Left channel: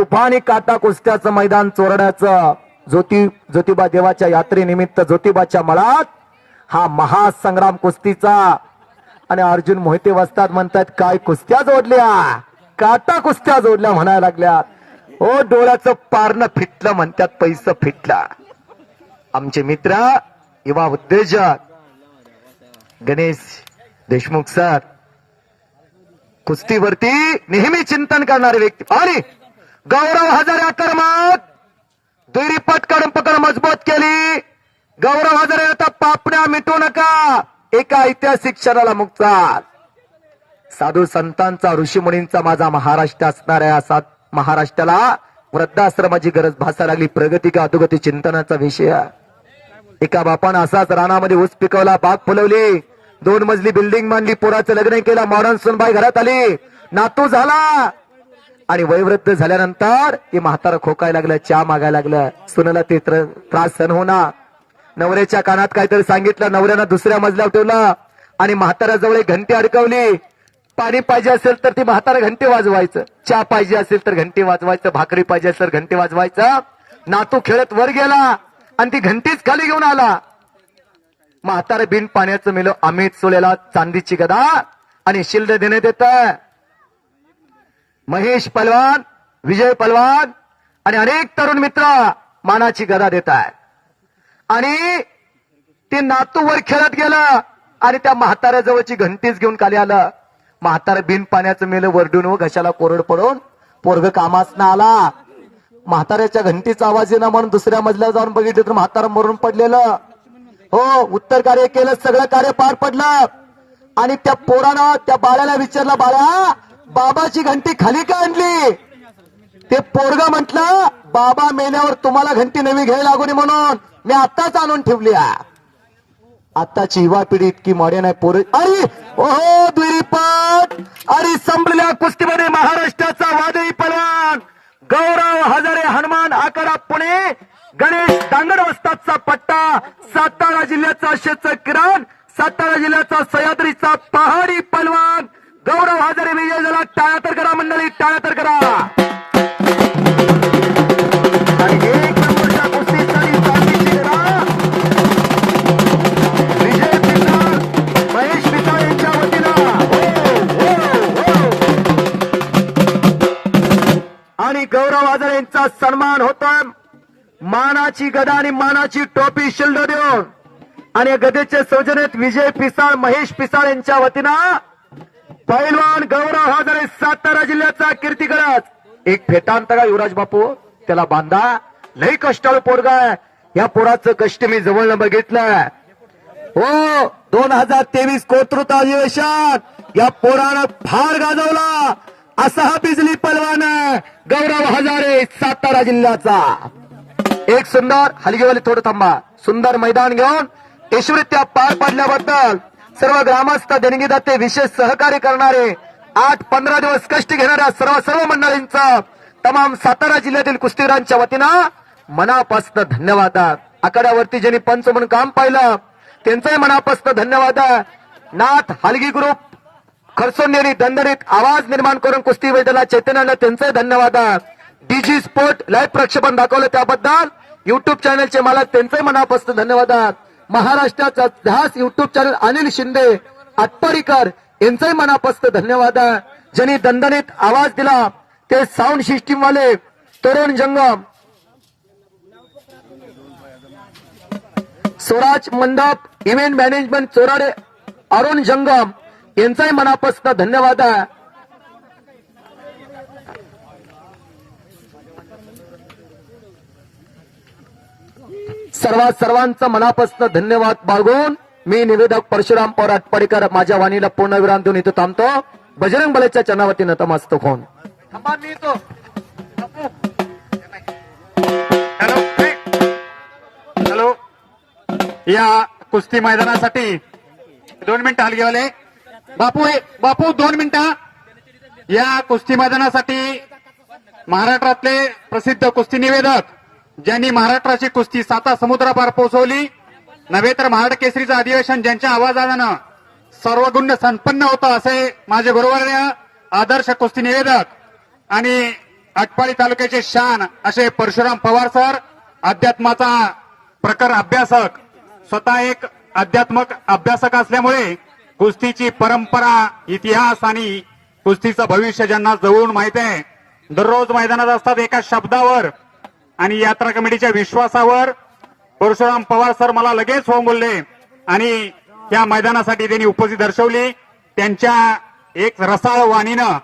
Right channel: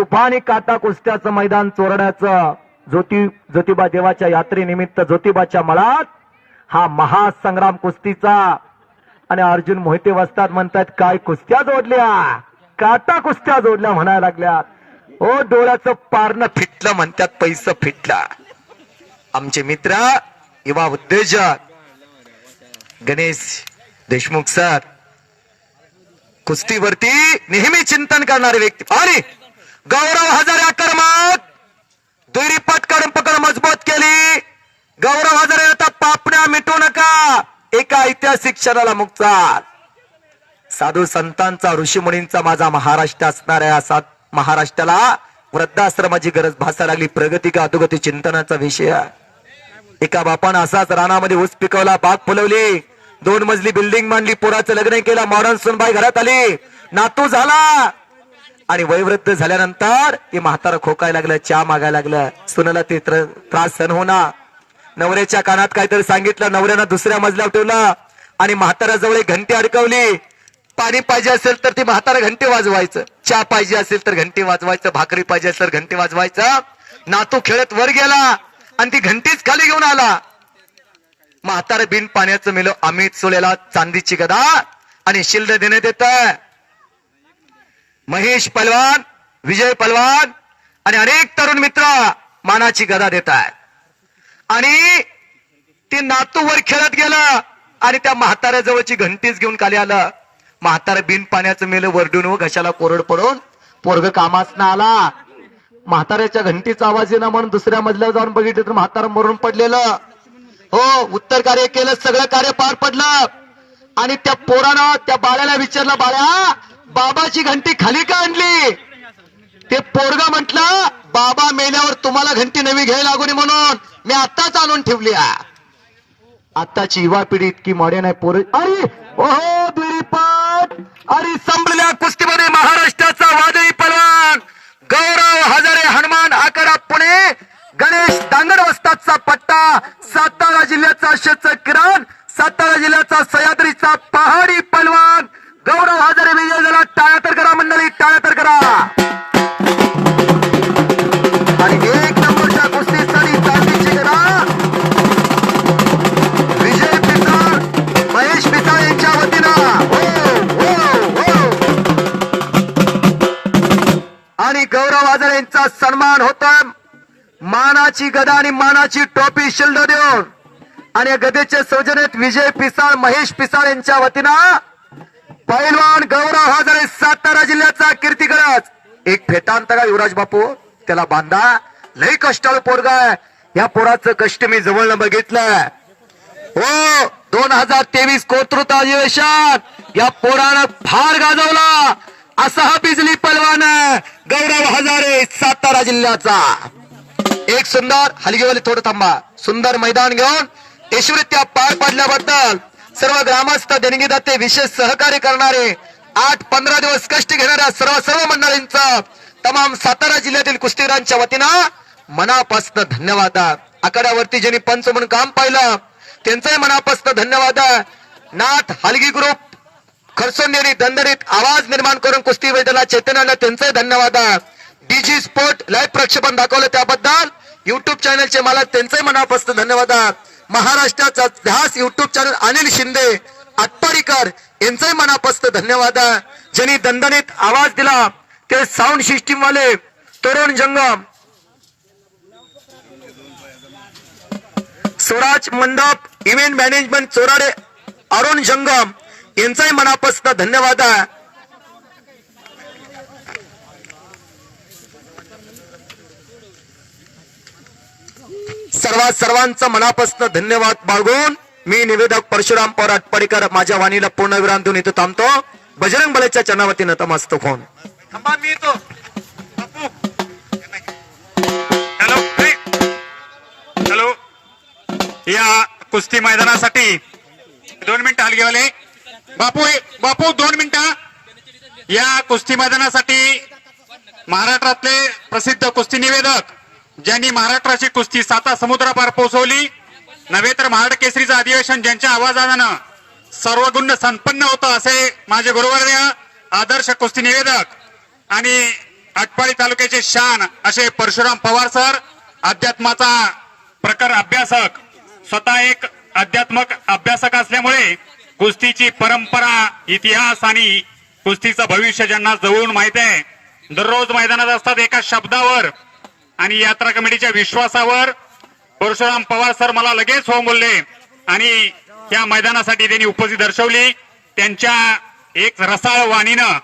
तुफानी काटा कुस्त्याचं मैदान चोरण्याचं ज्योती ज्योतिबा देवाच्या यात्रेनिमित्त ज्योतिबाच्या मळात हा महासंग्राम कुस्तीचा आणि अर्जुन मोहिते वस्तात म्हणतात काय कुस्त्या जोडल्या? काटा कुस्त्या जोडल्या? म्हणायला लागल्या. ओ डोळ्याचं पारणं फिटलं म्हणतात पैसा फिटला. आमचे मित्र युवा उद्योजक गणेश देशमुख सर कुस्तीवरती नेहमी चिंतन करणारे व्यक्ती. आणि गौरव हजारे आक्रमक दुरी पटकन पकड मजबूत केली. गौरव हजारे आता पापण्या मिटू नका. एका ऐतिहासिक क्षणाला मुक्तात. साधू संतांचा ऋषी मुनींचा माझा महाराष्ट्र असणाऱ्या सात महाराष्ट्राला वृद्धाश्रमाची गरज भासा लागली. प्रगती का अधोगती चिंतनाचा विषय. एका बापानं असाच रानामध्ये ऊस पिकवला बाग फुलवली. दोन मजली बिल्डिंग मांडली पुराचं लग्न केलं मॉडर्न सुनबाई घरात आली. नातू झाला. आणि वयवृद्ध झाल्यानंतर ते म्हातारा खोकायला लागलं चहा मागायला लागलं. सुनाला ते त्र- त्रास सहन होणार नवऱ्याच्या कानात काहीतरी सांगितलं नवऱ्यानं दुसऱ्या मजल्यावर ठेवलं आणि म्हाताराजवळ एक घंटी अडकवली. पाणी पाहिजे असेल तर ती म्हातारा घंटी वाजवायचं. चहा पाहिजे असेल तर घंटी वाजवायचं भाकरी पाहिजे असेल तर घंटी वाजवायचं. नातू खेळत वर गेला आणि ती घंटीच खाली घेऊन आला. म्हातारा बिन पाण्याचं मेलो अमित सोलेला चांदीची गदा आणि शिल्ड देण्यात येतं महेश पलवान विजय पलवान आणि अनेक तरुण मित्र मानाची गदा देत आहेत. आणि ते नातू वर खेळत गेलं आणि त्या म्हाताऱ्या जवळची घंटीच घेऊन खाली आलं. म्हातारा बिन पाण्याचं मेलं वरडून व घशाला कोरड पडून पोरग कामास ना आला. म्हाताऱ्याच्या घंटीचा आवाज येणं म्हणून दुसऱ्या मजल्यावर जाऊन बघितलं तर म्हातारा मरून पडलेलं. हो उत्तर कार्य केलं सगळं कार्य पार पडलं. आणि त्या पोरानं त्या बाळाला विचारलं बाळा बाबाची घंटी खाली का आणली? ते पोरगा म्हटलं बाबा मेल्यावर तुम्हाला घंटी नवी घ्यायला लागू नये म्हणून. मी आताच आणून ठेवली आत्ताची आताची युवा पिढी इतकी मॉडर्न आहे पोर अरे ओहो द्विपट अरे संपलेल्या कुस्तीमध्ये महाराष्ट्राचा वादळी पलवान. गौरव हजारे हनुमान आकडा पुणे. गणेश दांगड वस्ताचा पट्टा. सातारा जिल्ह्याचा शेचक किरण. सातारा जिल्ह्याचा सह्याद्रीचा पहाडी पलवान. गौरव हजारे विजय झाला. टाळ्या तर करा मंडळी टाळ्या तर करा. आणि एक नंबरच्या चांदीची विजय महेश यांच्या वतीनं. हो, हो, हो. आणि गौरव आजार यांचा सन्मान होतोय. मानाची गदा आणि मानाची टोपी शिल्ड देऊन. आणि या गदेचे सौजन्यात विजय पिसाळ महेश पिसाळ यांच्या वतीनं पैलवान गौरव हजारे सातारा जिल्ह्याचा कीर्ती एक फेटांत का युवराज बापू? त्याला बांधा. लय कष्टाळू पोरगा या पोराचं कष्ट मी जवळनं बघितलं हो दोन हजार तेवीस कोतृत अधिवेशन. या पोरानं फार गाजवला. असा हा बिजली पलवान गौरव हजारे सातारा जिल्ह्याचा. एक सुंदर हलगीवाली थोडं थांबा. सुंदर मैदान घेऊन यशवृत्या पार पाडल्याबद्दल सर्व ग्रामस्थ देणगीदाते विशेष सहकार्य करणारे आठ पंधरा दिवस कष्ट घेणाऱ्या सर्व सर्व मंडळींचा तमाम सातारा जिल्ह्यातील कुस्तीरांच्या वतीनं मनापासनं धन्यवाद. आकड्यावरती ज्यांनी पंच म्हणून काम पाहिलं त्यांचंही मनापासून धन्यवाद. नाथ हलगी ग्रुप खरसोंडेरी दंदरीत आवाज निर्माण करून कुस्ती मैदानाला चैतन्यानं त्यांचाही त्यांचंही धन्यवाद डीजी स्पोर्ट लाईव्ह प्रक्षेपण दाखवलं त्याबद्दल. युट्यूब चॅनलचे मला त्यांचंही मनापासून धन्यवाद. आहे महाराष्ट्राचा ध्यास युट्यूब चॅनल अनिल शिंदे आटपाडीकर यांचे मनापासून धन्यवाद आहे. ज्यांनी दणदणीत आवाज दिला ते साऊंड सिस्टीम वाले तरुण जंगम. स्वराज मंडप इव्हेंट मॅनेजमेंट चोराडे अरुण जंगम यांचाही मनापासून धन्यवाद आहे. सर्वात सर्वांचं मनापासून धन्यवाद बाळगून मी निवेदक परशुराम पवार आटपाडीकर माझ्या वाणीला पूर्ण विराम देऊन इथं थांबतो. बजरंग बलेच्या चरणावतीनं तमास्त फोन. Hello hello. या कुस्ती मैदानासाठी दोन मिनिटं हलगेवाले. बापू बापू दोन मिनिटं. या कुस्ती मैदानासाठी महाराष्ट्रातले प्रसिद्ध कुस्ती निवेदक ज्यांनी महाराष्ट्राची कुस्ती साता समुद्रापार पोहोचवली नव्हे तर महाड केसरीचं अधिवेशन ज्यांच्या आवाजानं सर्वगुण संपन्न होतं असे माझे बरोबर आदर्श कुस्ती निवेदक आणि आटपाडी तालुक्याचे शान असे परशुराम पवार सर अध्यात्माचा प्रकार अभ्यासक स्वतः एक अध्यात्मक अभ्यासक असल्यामुळे कुस्तीची परंपरा इतिहास आणि कुस्तीचं भविष्य ज्यांना जवळून माहीत आहे दररोज मैदानात असतात एका शब्दावर आणि यात्रा कमिटीच्या विश्वासावर परशुराम पवार सर मला लगेच हो बोलले आणि त्या मैदानासाठी त्यांनी उपस्थित दर्शवली. त्यांच्या एक रसाळ वाणीनं